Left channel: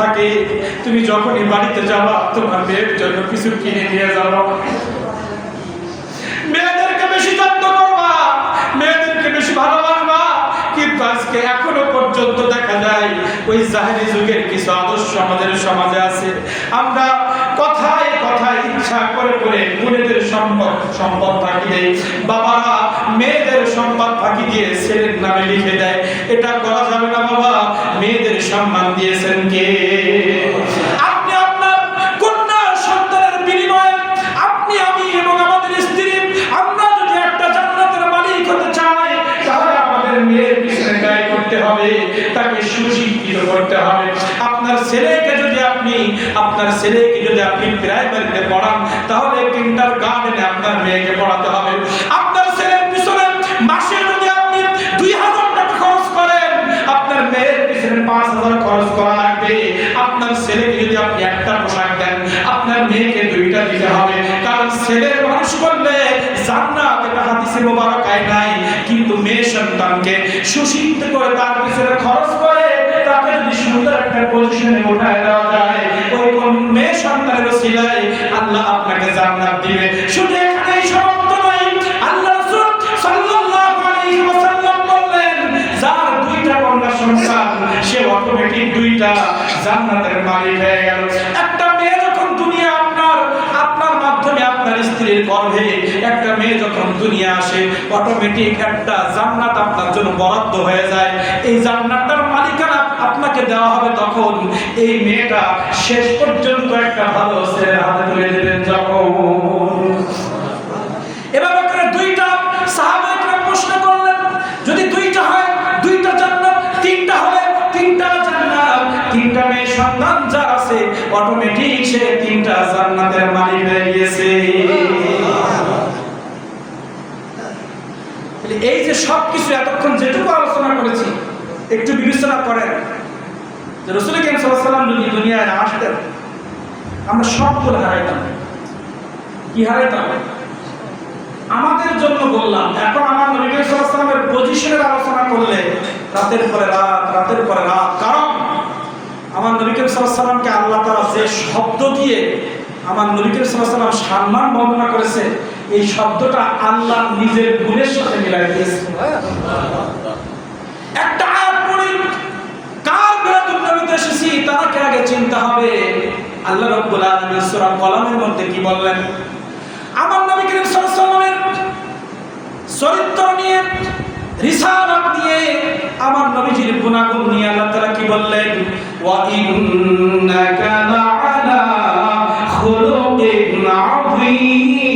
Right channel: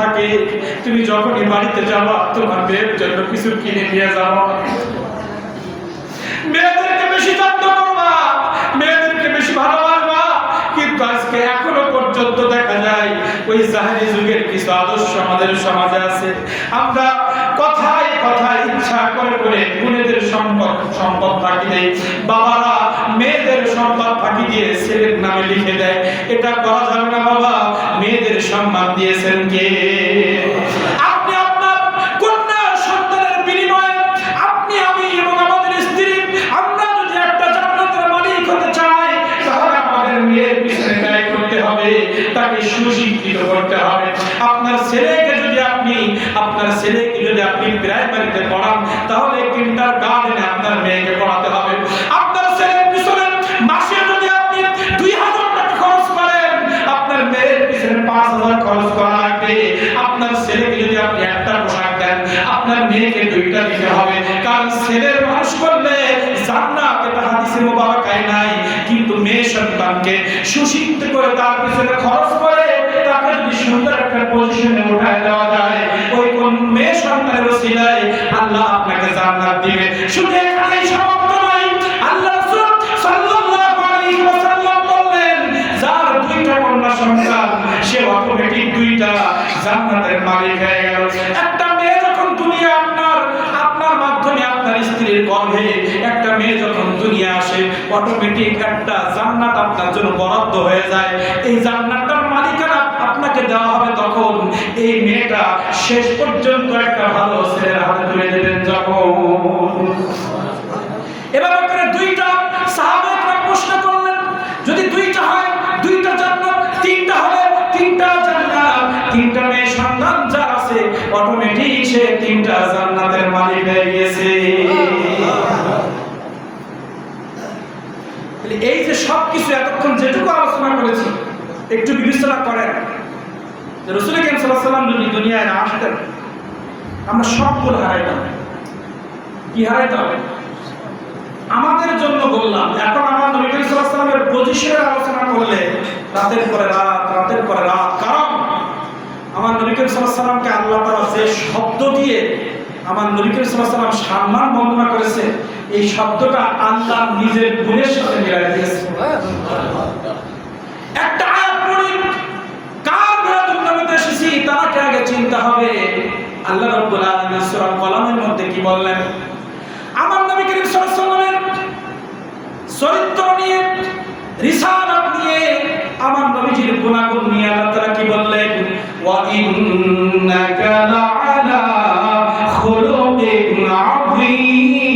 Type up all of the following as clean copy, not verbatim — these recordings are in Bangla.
থাকে, তুমি যখনই বাড়িতে যাবা তোমার মেয়ের জন্য কিছু কিনে নিয়ে যাবা। মেয়েদেরকে বেশি যত্ন করবা, মেয়েদেরকে বেশি ভালোবাসবা। কিন্তু আজকে এখনো পর্যন্ত দেখা যায় ওই জাহেরি যুগের কিছু আদর্শ আমাদের সমাজে আছে। আমরা কথায় কথায় ইচ্ছা করে করে বোনেদের সম্পদ ফাঁকি দেয়, বাবারা মেয়েদের সম্পদ ফাঁকি দিয়ে ছেলের নামে লিখে দেয়। এটা করা যাবে না বাবা। মেয়েদের সম্মান দিয়েছেন কে? আপনি আপনার কন্যা সন্তানের বিনিময়ে আপনি, আমি এবং আমাদের স্ত্রী, আমরা যদি একটা জান্নাতের মালিক হতে চাই, তাহলে আমাদের মেয়ের পিছনে ব্যয় করতে হবে, তাকে সুশিক্ষিত করতে হবে। আপনার ছেলেকে যদি আপনি প্রাইমারিতে পড়ান, তাহলে কিন্ডারগার্টেনে আপনার মেয়েকে পড়াতে হবে। আপনার ছেলের পিছনে মাসে যদি আপনি 2000 টাকা খরচ করেন, আপনার মেয়ের পিছনে 5000 খরচ করা লাগবে। আপনার ছেলেকে যদি আপনি একটা পোশাক দেন, আপনার মেয়েকে 2টা দিতে হবে। কারণ ছেলের মানুষ করলে জান্নাত, এটা হাদিসে মোবারকায় নাই। কিন্তু মেয়ে সন্তানকে সুশিক্ষিত করে তার পিছনে খরচ করে তাকে যদি সুন্দর একটা পজিশনে উঠায় দেওয়া যায়, ওই কোন মেয়ে সন্তানের ওসিলায় আল্লাহ আপনাকে জান্নাত দিবে। শুধু এখানেই সমাপ্ত নয়, আল্লাহ রাসূল সাল্লাল্লাহু আলাইহি ওয়াসাল্লাম বললেন, যার 2টা কন্যা সন্তান সে অটোমেটিক 2টা জান্নাতের মালিক হয়ে গেল। একটা মেয়ে যখন দুনিয়া আপনার মাধ্যমে আপনার স্ত্রীর গর্ভে একটা মেয়ে যখন দুনিয়া আসে, অটোমেটিক একটা জান্নাত আপনার জন্য বরাদ্দ হয়ে যায়। এই জান্নাতটার মালিকানা আপনাকে দেওয়া হবে তখন এই মেয়েটা শেষ পর্যন্ত একটা ভালো ছেলের হাতে তুলে দেবেন যখন। এভাবে করে 2টা সাহাবায়ে কেরাম প্রশ্ন করলেন, যদি 2টা হয় 2টা জান্নাত, 3টা হলে 3টা জান্নাত, 3টা মেয়ে সন্তান যার আছে অটোমেটিক সে 3টা জান্নাতের মালিক হয়ে গেছে। এই যে সবকিছু এতক্ষণ যেটুকু আলোচনা করেছি, একটু বিবেচনা করেন যে রাসূল করিম সাল্লাল্লাহু আলাইহি ওয়াসাল্লাম যদি দুনিয়ায় না আসতেন, আমরা সবগুলো হারাইতাম। কি হারাইতাম? আমাদের জন্য বললাম। এখন আমার নবী করিম সাল্লাল্লাহু আলাইহি ওয়াসাল্লামের পজিশনের আলোচনা করলে রাতের পরে রাত। কারণ আমার নবী করিম সাল্লাল্লাহু আলাইহি ওয়াসাল্লামকে আল্লাহ তাআলা যে শব্দ দিয়ে আমার নবী করিম সাল্লাল্লাহু আলাইহি ওয়াসাল্লাম সম্মান বর্ণনা করেছে, এই শব্দটা আল্লাহ নিজের গুণের সাথে মিলাই দিয়েছে। একটা আয়াত পড়ি, কার বিরাতুল নবীতে এসেছি তাকে আগে চিন্তা হবে। আল্লাহ রাব্বুল আলামিন সূরা কলমের মধ্যে কি বললেন? আমার নবী করিম সাল্লাল্লাহু আলাইহি ওয়াসাল্লামের চরিত্র নিয়ে, রিসালাত নিয়ে, আমার নবীজির গুণাগুণ নিয়ে আল্লাহ তাআলা কি বললেন? ওয়া ইন্নাকা লাআলা খুলুকিন আযীম।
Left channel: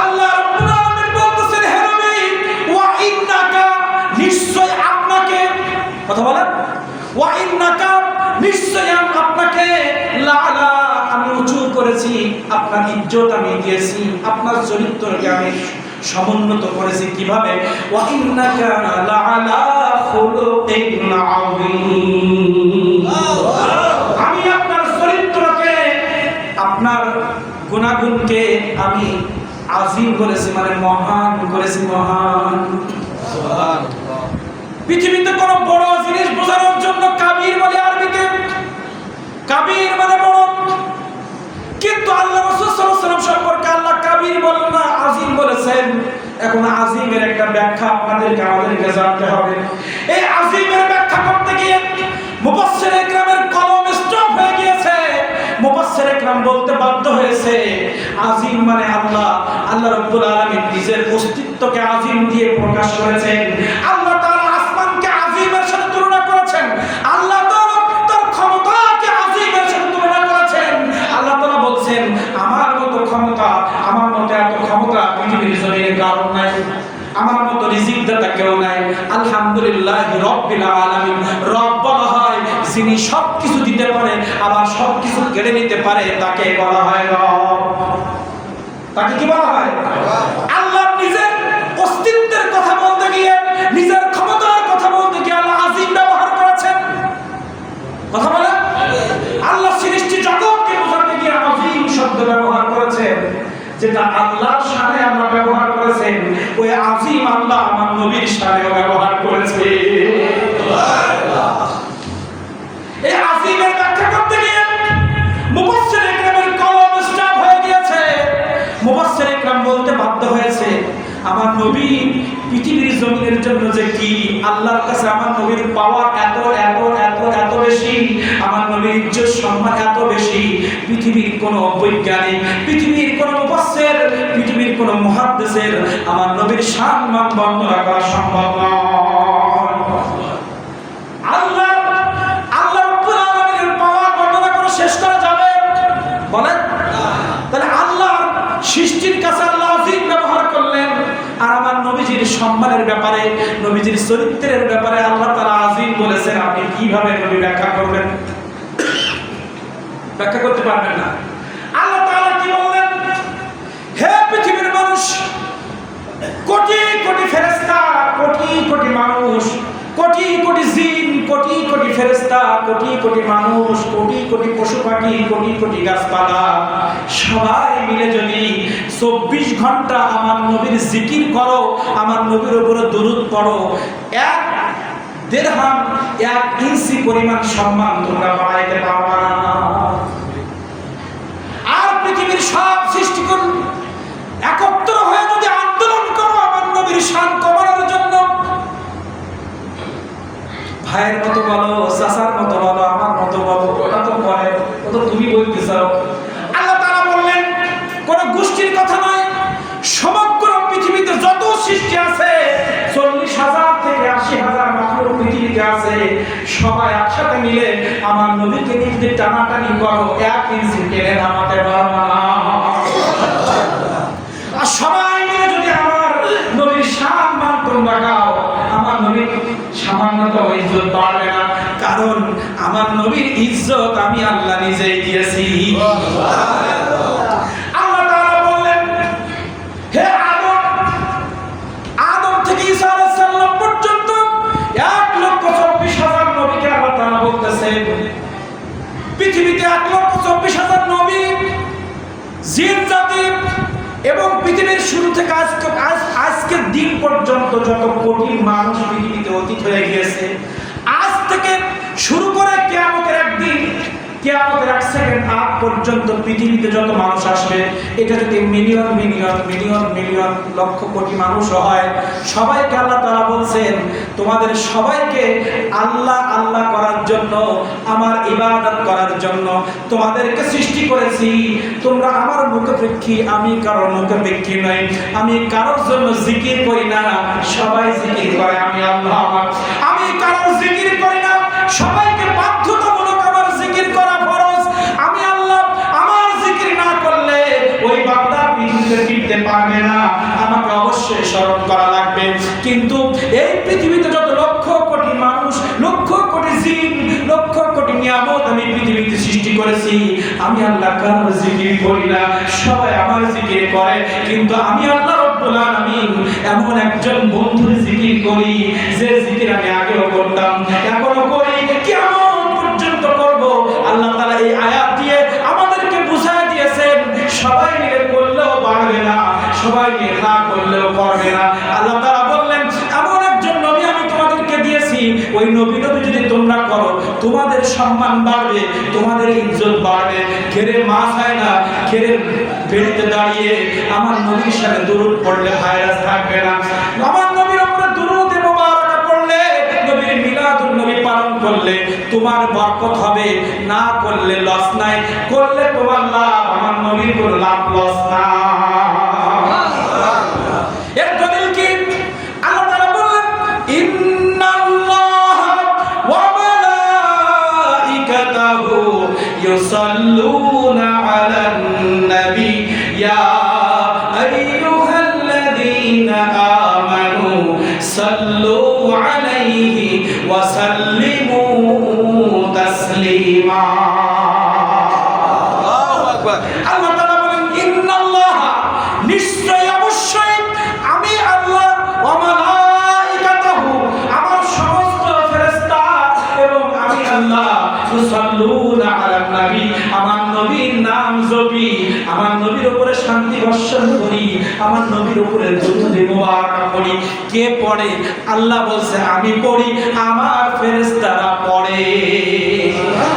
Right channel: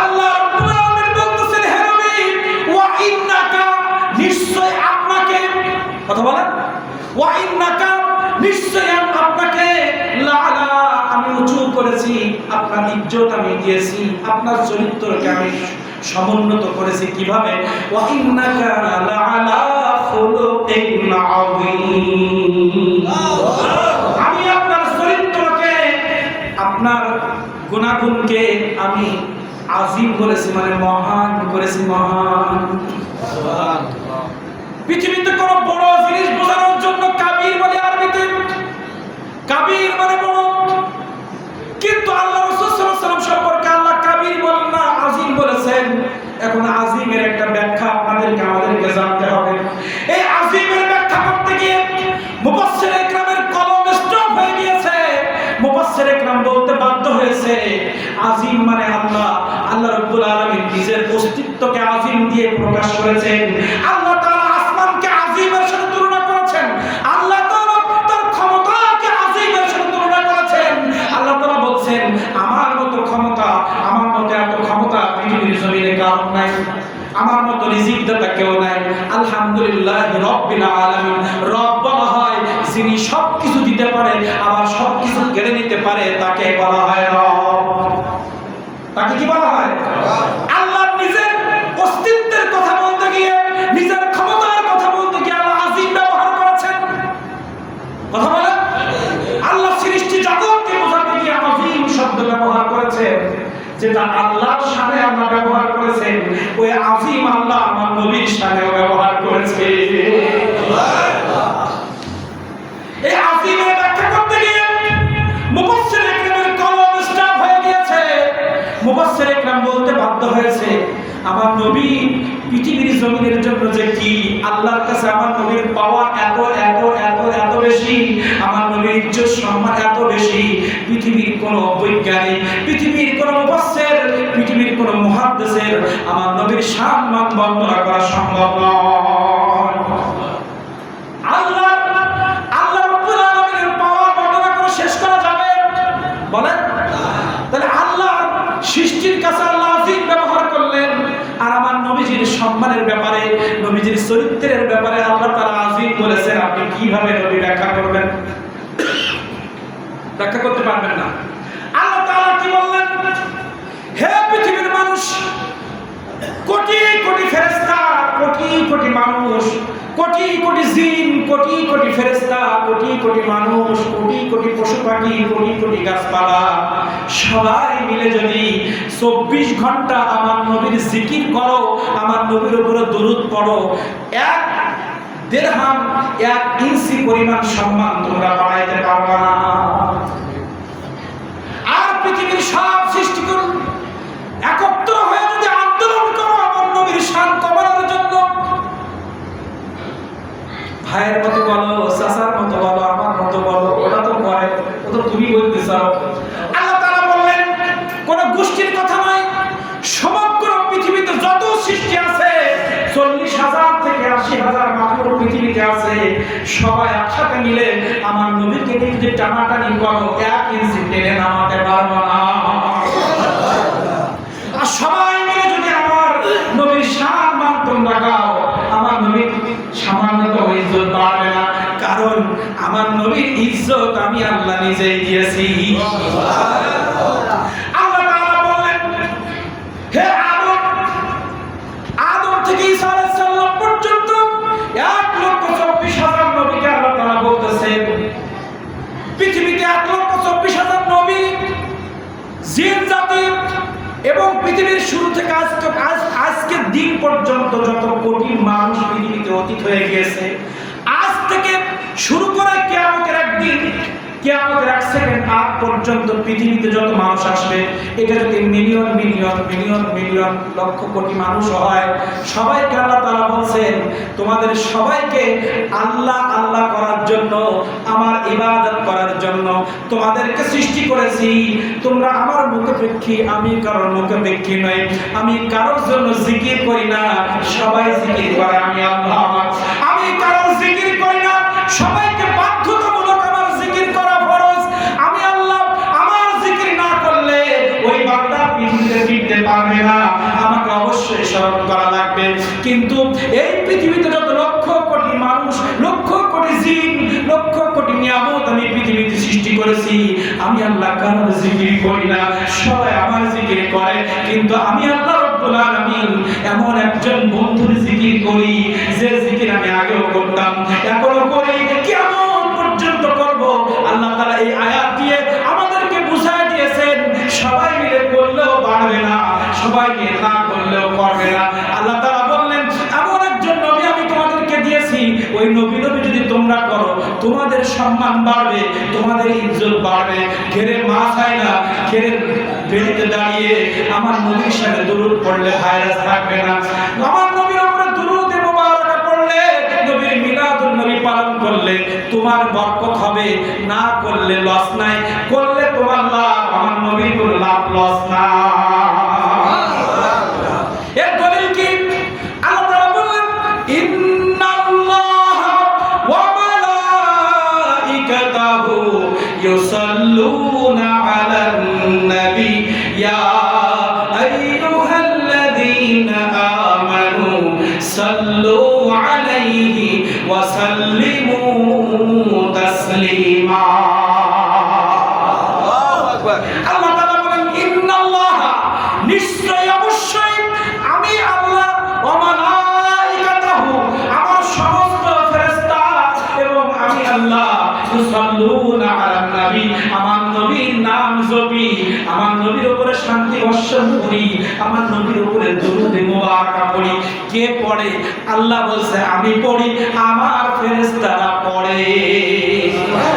আল্লাহ রাব্বুল আলামিন বলতেছেন, হে নবী, ওয়া ইন্নাকা, নিশ্চয় আপনাকে, কথা বলেন, ওয়া ইন্নাকা, নিশ্চয় আপনাকে, লাআলা, আমি উঁচু করেছি, আপনার ইজ্জত আমি দিয়েছি, আপনার চরিত্রকে আমি সমুন্নত করেছি। কিভাবে? ওয়া ইন্নাকা লাআলা খুলুকিন আযীম। আমি আপনার চরিত্রকে, আপনার গুণাগুণকে আমি আযীম করেছি, মানে মহান করেছি, মহান। সুবহানাল্লাহ। পৃথিবীতে কোনো বড় জিনিস বোঝানোর জন্য কাবীর বলে আরবিতে, কাবীর মানে বড়। কিন্তু আল্লাহ রাসূল সাল্লাল্লাহু আলাইহি ওয়াসাল্লাম সম্পর্কে আল্লাহ কাবীর বলেন না, আযীম বলেছেন। এখন আযীমের একটা ব্যাখ্যা আমাদেরকে জানতে হবে। এই আযীমের ব্যাখ্যা করতে গিয়ে মুফাসসিরে ইকরামের কলম স্টপ হয়ে গিয়েছে। মুফাসসিরে ইকরাম বলতে বাধ্য হয়েছে, আযীম মানে আল্লাহ রাব্বুল আলামিন নিজের অস্তিত্বকে আযীম দিয়ে প্রকাশ করেছেন। আল্লাহ তাআলা আসমানকে আযীমের সাথে তুলনা করেছেন। আল্লাহ তাআলা তার ক্ষমতাকে আযীমের সাথে তুলনা করেছেন। আল্লাহ তাআলা বলছেন, আমার মতো ক্ষমতা, আমার মতো এত ক্ষমতা পৃথিবীর জমিনে কারণ নাই, আমার মতো রিজিক দাতা কেউ নাই। আলহামদুলিল্লাহ রাব্বিল আলামিন। রব বলা হয় যিনি সবকিছু দিতে পারে আবার সবকিছু কেড়ে নিতে পারে, তাকে বলা হয় রব। তাকে কি বলা হয়? আল্লাহ নিজের অস্তিত্বের কথা বলতে গিয়ে, নিজের ক্ষমতার কথা বলতে গিয়ে আল্লাহ আযীম ব্যবহার করেছেন। কথা বলেন, আল্লাহ সৃষ্টি জগৎকে বোঝাতে গিয়ে আযীম শব্দ ব্যবহার করেছেন। যেটা আল্লাহর শানে আল্লাহ ব্যবহার করেছেন, ওই আযীম আল্লাহ আমার নবীর শানেও ব্যবহার করেছে। মুফাসসির ইকরামের কলম স্টপ হয়ে গিয়েছে। মুফাসসির ইকরাম বলতে বাধ্য হয়েছে, আমার নবী পৃথিবীর জমিনের জন্য যে কি, আল্লাহর কাছে আমার নবীর পাওয়ার এত এত এত এত বেশি, আমার নবীর ইজ্জত সম্মান এত বেশি, পৃথিবীর কোনো বৈজ্ঞানিক, পৃথিবীর কোনো মুফাসসির, পৃথিবীর কোনো মুহাদ্দিসের আমার নবীর সম্মান বর্ণনা করা সম্ভব নয়। আল্লাহ রাব্বুল আলামিনের পাওয়ার বর্ণনা করে শেষ করা যাবে? বলেন। তাহলে আল্লাহর সৃষ্টির কাছে আল্লাহ আজিম ব্যবহার করলেন, আর আমার নবীজির সম্মানের ব্যাপারে, নবীজির চরিত্রের ব্যাপারে আল্লাহ তাআলা আজিম বলেছেন। আপনি কিভাবে নবী ব্যাখ্যা করবেন? ব্যাখ্যা করতে পারবেন না। আল্লাহ তাআলা কি বললেন? হে পৃথিবীর মানুষ, কোটি কোটি ফেরেশতা, কোটি কোটি মানুষ, কোটি কোটি জিন, কোটি কোটি ফেরেশতা, কোটি কোটি মানুষ, কোটি কোটি পশু পাখি, কোটি কোটি গাছপালা, সবাই মিলে যদি 24 ঘন্টা আমার নবীর জিকির করো, আমার নবীর উপরে দরুদ পড়ো, 1 দিরহাম 1 ইঞ্চি পরিমাণ সম্মান তোমরা বাড়াইতে পারবে না। আর পৃথিবীর সব সৃষ্টিকুল একত্র হয়ে যদি আন্দোলন করো আমার নবীর শান কমানোর জন্য, ভাইয়ের মতো বলো, চাচার মতো বলো, আমার মতো বলো, ওটা তো করে, ও তো তুমি বলতে চাও। আল্লাহ তাআলা বললেন কোন গোষ্ঠীর কথা নয়, সমগ্র পৃথিবীতে যত সৃষ্টি আছে, 40,000 থেকে 80,000 মাখলুক পৃথিবীতে আছে, সবাই একসাথে মিলে আমার নবীকে নিয়ে যদি টানাটানি করো, 1 ইঞ্চি টেনে নামাতে পারবে না। আর সবাই মিলে যদি আমার নবীর শান মান তোমরা গাও, আমার নবীর সামান্য ইজ্জত বাড়বে না, কারণ আমার নবীর ইজ্জত আমি আল্লাহ নিজেই দিয়েছি। আল্লাহ তাআলা বললেন, হে আদম থেকে ঈসা আলাইহিস সালাম পর্যন্ত 1,24,000 নবীকে আল্লাহ তাআলা বলতেছেন, পৃথিবীতে 1,24,000 নবী, জিন জাতি এবং পৃথিবীর শুরু থেকে আজকের দিন পর্যন্ত যত কোটি মানুষ পৃথিবীতে অতীত হয়ে গিয়েছে, আজ থেকে শুরু করে কিয়ামতের একদিন, কিয়ামতের 1 সেকেন্ড আগ পর্যন্ত পৃথিবীতে যত মানুষ আসবে, এটা যদি million million million million lakh crore মানুষ হয়, সবাইকে আল্লাহ তাআলা বলছেন তোমাদের সবাইকে আল্লাহ আল্লাহ করার জন্য, আমার ইবাদত করার জন্য তোমাদেরকে সৃষ্টি করেছি। তোমরা আমার মুখাপেক্ষী, আমি কারোর মুখাপেক্ষী নই, আমি কারোর জন্য জিকির করি না, সবাই জিকির করে আমি আল্লাহ। আমি কারোর জিকির করি না, সবাইকে বাধ্যতামূলক আমার জিকির করা ফরজ। আমি আল্লাহ, আমার জিকির না করলে ওই বান্দা পৃথিবীতে ফিরতে পারবে না, আমাকে অবশ্যই স্মরণ করা লাগবে। কিন্তু এই পৃথিবীতে যত লক্ষ কোটি মানুষ, লক্ষ কোটি জিন, লক্ষ কোটি নিয়ামত আমি পৃথিবীতে সৃষ্টি করেছি, আমি আল্লাহ কারোর জিকির করি না, সবাই আমার জিকির করে। কিন্তু আমি আল্লাহ রব্বুল আলামিন এমন একজন বন্ধুর জিকির করি, যে জিকির আমি আগেও করতাম, এখনো করি, কিয়ামত পর্যন্ত করব। আল্লাহ তাআলা এই আয়াত দিয়ে আমাদেরকে বুঝায় দিয়েছেন, সবাই মিলে করলেও বাড়বে না, সবাই মিলে না করলেও করবে না। আল্লাহ তাআলা বললেন এমন একজন নবী আমি তোমাদেরকে দিয়েছি, ওই নবী যদি তোমরা করো, তোমাদের সম্মান বাড়বে, তোমাদের ইজ্জত বাড়বে। ঘেরে মাছ হয় না, ঘেরে বেরিতে দাঁড়িয়ে আমার নবীর সাথে দুরূদ পড়লে ভাইরাস থাকবে না। আমার নবীর উপরে দুরূদ মুবারাকা পড়লে, নবীর মিলাদুন নবী পালন করলে তোমার বরকত হবে, না করলে লস নাই, করলে তোমার লাভ, আমার নবীর কোনো লাভ লস না। এর দলিল কি? আল্লাহ তাআলা বললেন ইন্নাল্লাহা ওয়া মালাইকাতাহু ইউসাল্লুনা আলান নবী ইয়া আইয়ুহাল্লাযীনা আমানু সাল্লু আলাইহি ওয়া সাল্লিমু তাসলিমা। আল্লাহু আকবার। আল্লাহ তাআলা বলেন ইন্নাল্লাহা, নিশ্চয় অবশ্যই আমি আল্লাহ, ওয়া মালাইকাতাহু, আমার সমস্ত ফেরেশতা এবং আমি আল্লাহ, ইউসাল্লুনা আলান নবী, আমার নবীর নাম জপি, আমার নবীর উপরে শান্তি বর্ষণ করি, আমার নবীর উপরে দরুদ মুবারাকা পড়ি। কে পড়ে? আল্লাহ বলছে আমি পড়ি, আমার ফেরেশতারা পড়ে।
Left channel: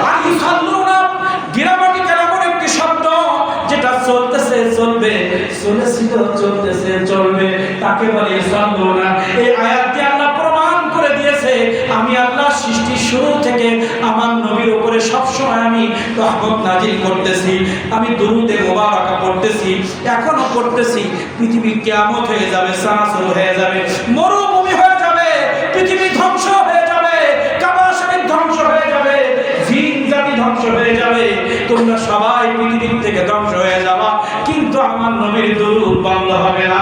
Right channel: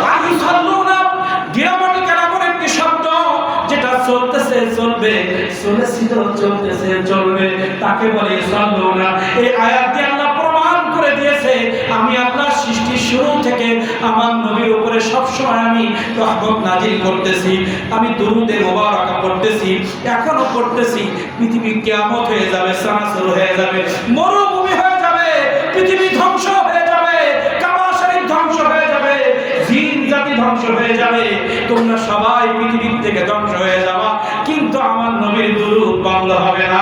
আর ইউসাল্লুনা গ্রামাটিক্যাল এমন চলতেছে চলবে, চলেছিল চলতেছে চলবে, তাকে বলে সাল্লু না। এই আয়াত দিয়ে আল্লাহ প্রমাণ করে দিয়েছে আমি আল্লাহ সৃষ্টির শুরু থেকে আমার নবীর উপরে সবসময় আমি রহমত নাজিল করতেছি, আমি দুরুদে মুবারাকা পড়তেছি, এখনো পড়তেছি। পৃথিবী কিয়ামত হয়ে যাবে, সানাসুর হয়ে যাবে, মরুভূমি হয়ে যাবে, পৃথিবী ধ্বংস হয়ে যাবে, কাবা শরীফ ধ্বংস হয়ে যাবে, জিন জাতি ধ্বংস হয়ে যাবে, তোমরা সবাই পৃথিবীর থেকে ধ্বংস হয়ে যাবা, কিন্তু আমার নবীর দুরূদ বন্ধ হবে না।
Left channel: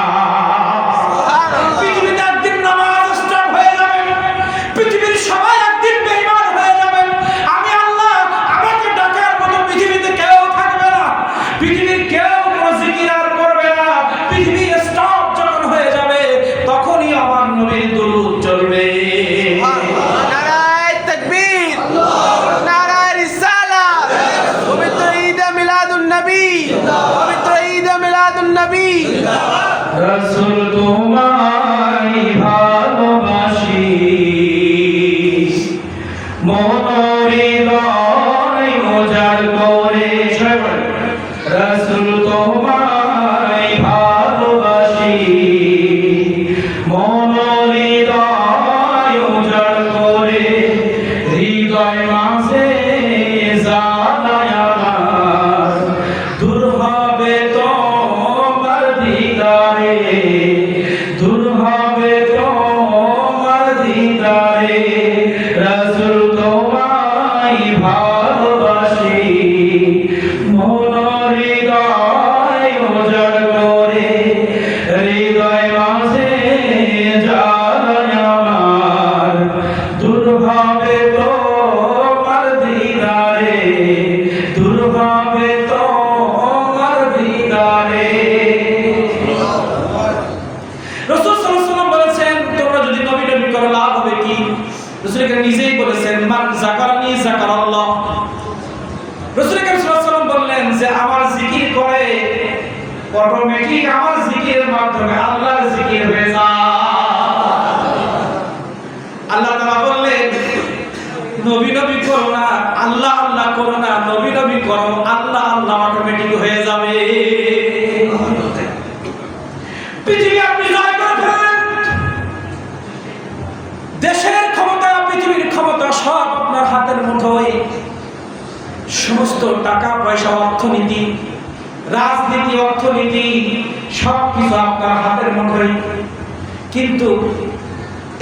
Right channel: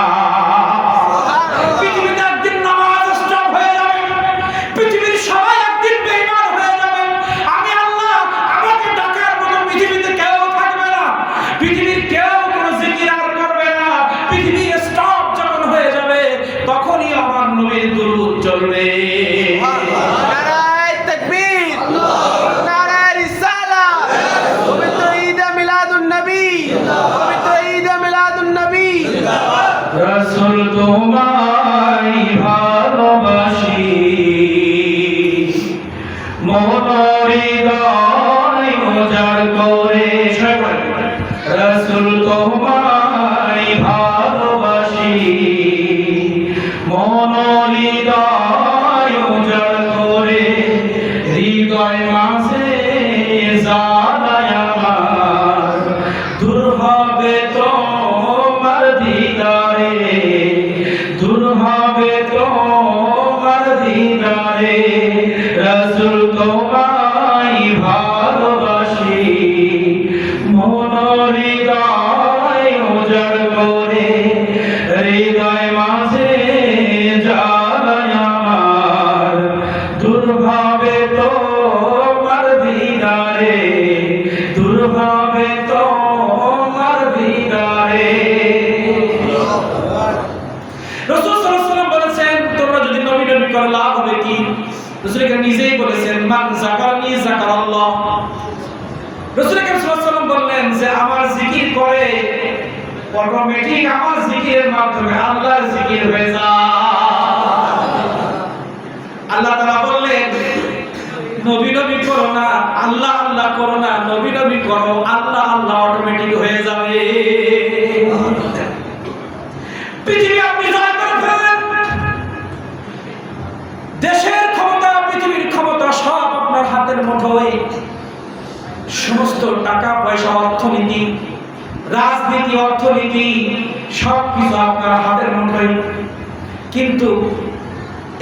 পৃথিবীতে একদিন নামাজ স্টপ হয়ে যাবে, পৃথিবীর সবাই একদিন বেঈমান হয়ে যাবে। আমি আল্লাহ, আমাকে ডাকার মতো পৃথিবীতে কেউ থাকবে না, পৃথিবীর কেউ কোনো জিকির আর করবে না। পৃথিবী স্টপ যখন হয়ে যাবে তখনই আমার নবীর দুরূদ চলবে। নারায়ে তাকবীর, নারায়ে রিসালাত, পবিত্র ঈদ মিলাদুন নবী, পবিত্র ঈদ মিলাদুন নবী। রাসূল তোমায় ভালোবাসি, মন হৃদয় উজাড় করে, রাসূল তোমায় ভালোবাসি, মন হৃদয় উজাড় করে, হৃদয় মাঝে জ্বালায় আমার, দূর হবে তোমার দিদারে, দূর হবে তোমার দিদারে, রাসূল তোমায় ভালোবাসি, মন হৃদয় উজাড় করে, হৃদয় মাঝে জ্বালায় আমার, দূর হবে তোমার দিদারে, দূর হবে তোমার দিদারে। রাসূল সাল্লাল্লাহু আলাইহি ওয়াসাল্লাম বলেছেন তোমরা যদি নবী নবী করো লাভ হবে কি? রাসূল করিম নিজেই বলেছেন মান যাকারানি যাকারাল্লাহ। রাসূল করিম সাল্লাল্লাহু আলাইহি ওয়াসাল্লাম বললেন যে আমার জিকির করে অটোমেটিক আমার জিকিরের মাধ্যমে আল্লাহর জিকির হয়ে যায়। আল্লাহ তাআলা বললেন নবী নবী করো না, আল্লাহ আল্লাহ করো না, নবী নবী করো, আল্লাহ আল্লাহ অটোমেটিক হয়ে যাবে। পৃথিবী আপনি জয় করে ফেললেন, দেশের ক্ষমতা, পৃথিবীর ক্ষমতা সব আপনার হাতের মুঠোয়, সমস্ত টাকা পয়সা, অর্থনীতি, রাজনীতি, অর্থনীতি সবকিছু আপনার হাতের মুঠোয়। কিন্তু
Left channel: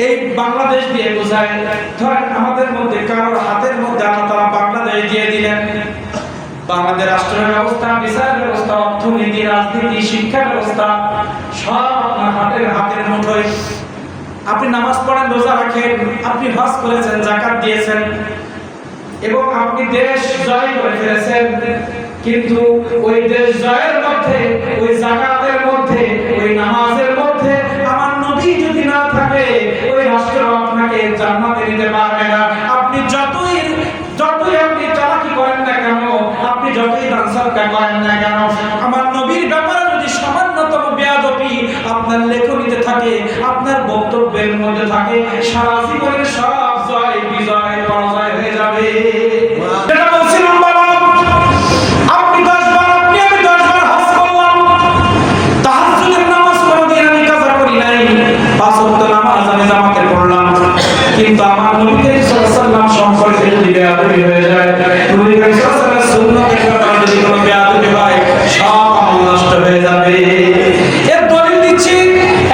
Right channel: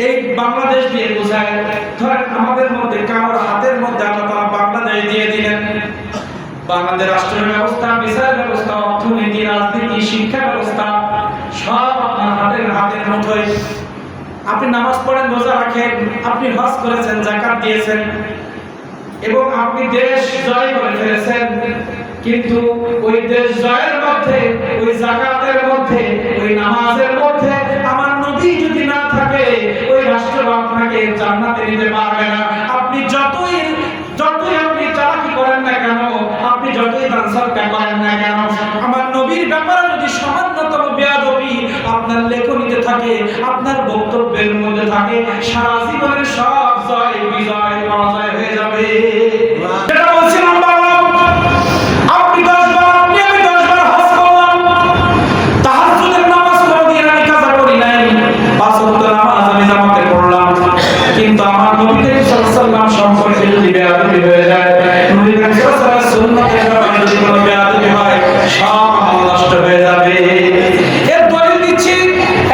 এই বাংলাদেশ দিয়ে বোঝায়, ধরেন আমাদের মধ্যে কারোর হাতের মধ্যে আল্লাহ তাআলা বাংলাদেশ দিয়ে দিলেন, বাংলাদেশ রাষ্ট্র ব্যবস্থা, বিচার ব্যবস্থা, অর্থনীতি, রাজনীতি, শিক্ষা ব্যবস্থা সব আপনার হাতের মুঠোয়। আপনি নামাজ পড়েন, রোজা রাখেন, আপনি হজ করেছেন, যাকাত দিয়েছেন এবং আপনি দেশ জয় করে ফেলেছেন, কিন্তু ওই দেশ জয়ের মধ্যে, ওই যাকাতের মধ্যে, ওই নামাজের মধ্যে আমার নবী যদি না থাকে ওই রাষ্ট্র আপনাকে জান্নাতে নিতে পারবে না। আপনি যতই আপনি চালাকি করেন না কেন, আপনি যতই দান সদকা করেন না কেন, আমার নবীর ব্যাপারে যদি সামান্যতম বেয়াদবি আপনার লেখনীতে থাকে, আপনার বক্তব্যের মধ্যে থাকে, সারা জীবনের সব জয় বিজয় পরাজয় হয়ে যাবে। এটা বলছিলাম বাবা, আপনি 10 বার, আপনি আমি 10 বার হজ করলাম, তাহাজ্জুদের নামাজ কোনোদিন আমি কাজা করি নাই, 5 ওয়াক্ত নামাজ আমি জামাতে পড়লাম, কিন্তু আমার নবী করিম সাল্লাল্লাহু আলাইহি ওয়াসাল্লাম সম্পর্কে যদি বেয়াদবি হয়ে যায়, নবী করিম সাল্লাল্লাহু আলাইহি ওয়াসাল্লামের সুন্নতের ব্যাপারে যদি কোনো বেয়াদবি হয়, সব আমল নষ্ট হয়ে যাবে। এর দলিল দিচ্ছি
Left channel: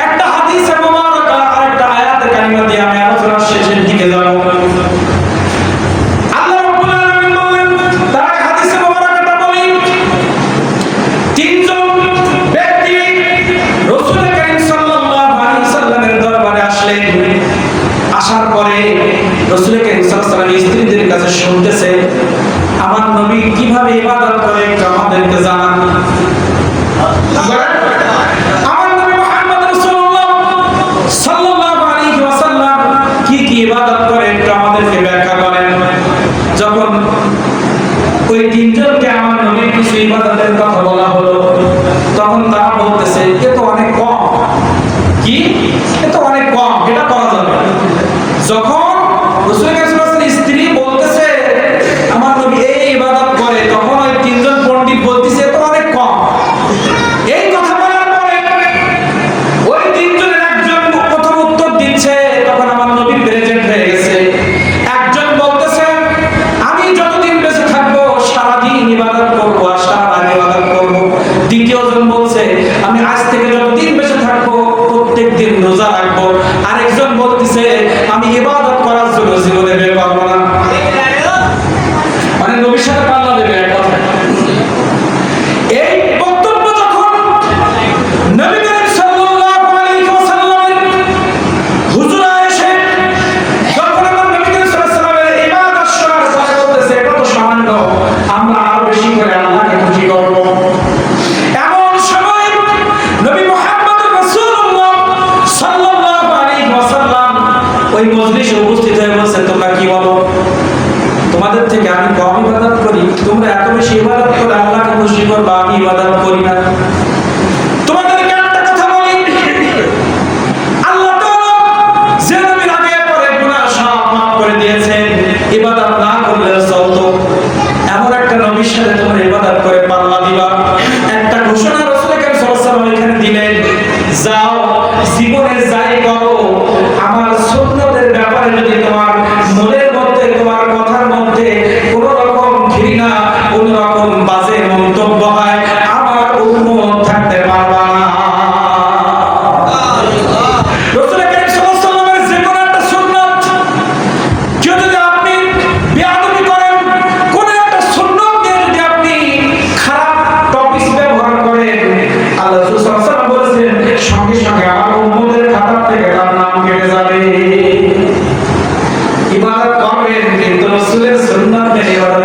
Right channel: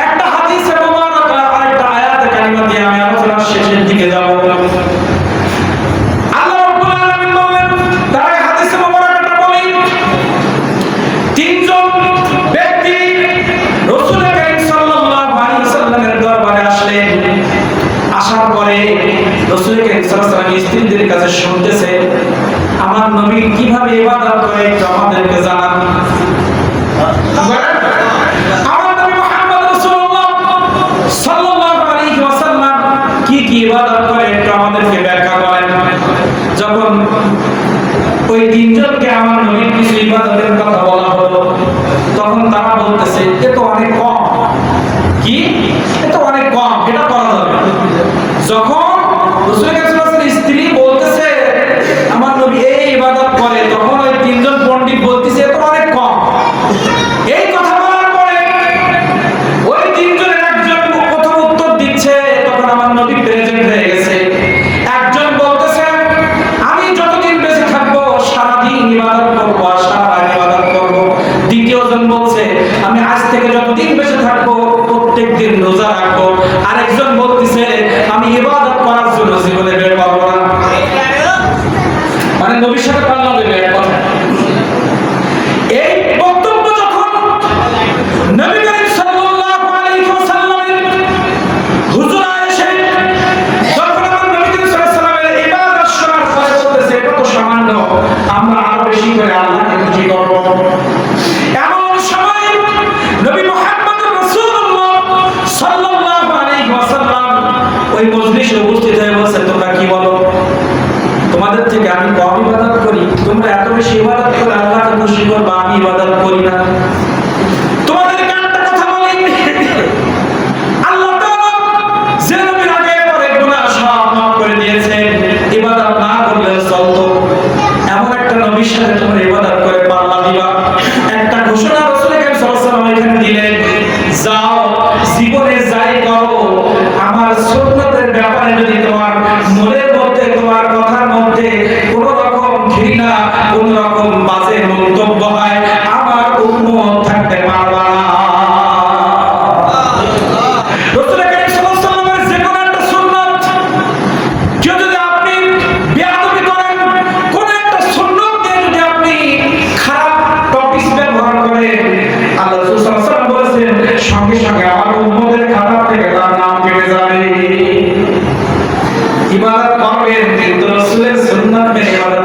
একটা হাদিসে মুবারাকা, আরেকটা আয়াতে কারিমা দিয়ে আমি আলোচনার শেষের দিকে যাব। আল্লাহ রাব্বুল আলামিন বললেন, তার আগে হাদিসে মুবারাকাটা বলি, তিনজন ব্যক্তি রাসূল করিম সাল্লাল্লাহু আলাইহি ওয়াসাল্লামের দরবারে আসলেন। আসার পরে রাসূল করিম সাল্লাল্লাহু আলাইহি ওয়াসাল্লাম স্ত্রীদের কাছে শুনতেছে আমার নবী কিভাবে ইবাদত করে একটু আমাদেরকে জানান। আমার নবী মুহাম্মদ রাসূলুল্লাহ সাল্লাল্লাহু আলাইহি ওয়াসাল্লাম কি কি ইবাদত করে একটু আমাদেরকে ব্যাখ্যা করেন। যখন ওই তিনজনকে আমার নবীর কিছু ইবাদতের কথা বলা হলো, তখন তারা বলতেছে এ তো অনেক কম। কি? এ তো অনেক কম, এটা করা যাবে। যখন রাসূল সাল্লাল্লাহু আলাইহি ওয়াসাল্লামের স্ত্রী বলতেছে আমার নবী এই ইবাদত করে, তখন ওই তিনজন পণ্ডিত বলতেছে এ তো অনেক কম, যতদিন বেঁচে থাকবো প্রত্যেক দিন রোজা রাখবো। আরেকজন বলতেছে আমি ইবাদত করার জন্য জীবনে বের পাবো না। মানে নবীর সাথে পাল্লা দেবে এক কথা। এই বক্তব্য যখন নবী করিম সাল্লাল্লাহু আলাইহি ওয়াসাল্লামের হুজুরা এসে যখন আমার নবী করিম সাল্লাল্লাহু আলাইহি ওয়াসাল্লামের ইবাদত শোনার পরে বলতেছে এটা তো সামান্য, আমরা আরো বেশি করে আল্লাহকে খুশি করব। এমন সময় নবী মুহাম্মদুর রাসূলুল্লাহ সাল্লাল্লাহু আলাইহি ওয়াসাল্লাম ওই মজলিসে উপস্থিত হয়ে বলছেন তোমরা কি বলো? তোমাদের থেকে আমি কম ইবাদত করি, তোমরা এত বেশি ইবাদত করে আল্লাহকে খুশি করবা, আমি ইবাদত করি না। তোমাদেরকে একটা কথা বলি, আল্লাহ তাআলা যে নবীর আগে পরে গুনাহ সব মাফ করে দিয়েছেন, ইবাদত না করলেও চলতো, এমন একটা নবীর সাথে তোমরা ইবাদত করে পাল্লা দিবা। একটা ঘোষণা রাসূল করিম সাল্লাল্লাহু আলাইহি ওয়াসাল্লাম এখানে দিলেন, যাও জীবনে যাই করো আমার সুন্নতের ব্যাপারে যদি তোমার মনের মধ্যে তোমার কথার মধ্যে কোনো রকম ঘৃণা কোনো রকম বাজে মন্তব্য হয় আমার উম্মত থাকতে পারবা না। রাসূল করিম সাল্লাল্লাহু আলাইহি ওয়াসাল্লামের যে কোনো একটা সুন্নাত কেউ যদি আপনি বেয়াদবি করেন, কোন একটা সুন্নাত দিয়ে যদি আপনি খারাপ টপিক ব্যবহার করেন, আল্লাহ রাসূল সাল্লাল্লাহু আলাইহি ওয়াসাল্লাম বলেছেন সঙ্গে সঙ্গে আমার উম্মতের খাতা থেকে তার নাম কেটে যাবে। ইবাদত করবেন কিন্তু রাসূলের সুন্নাত মেনে ইবাদত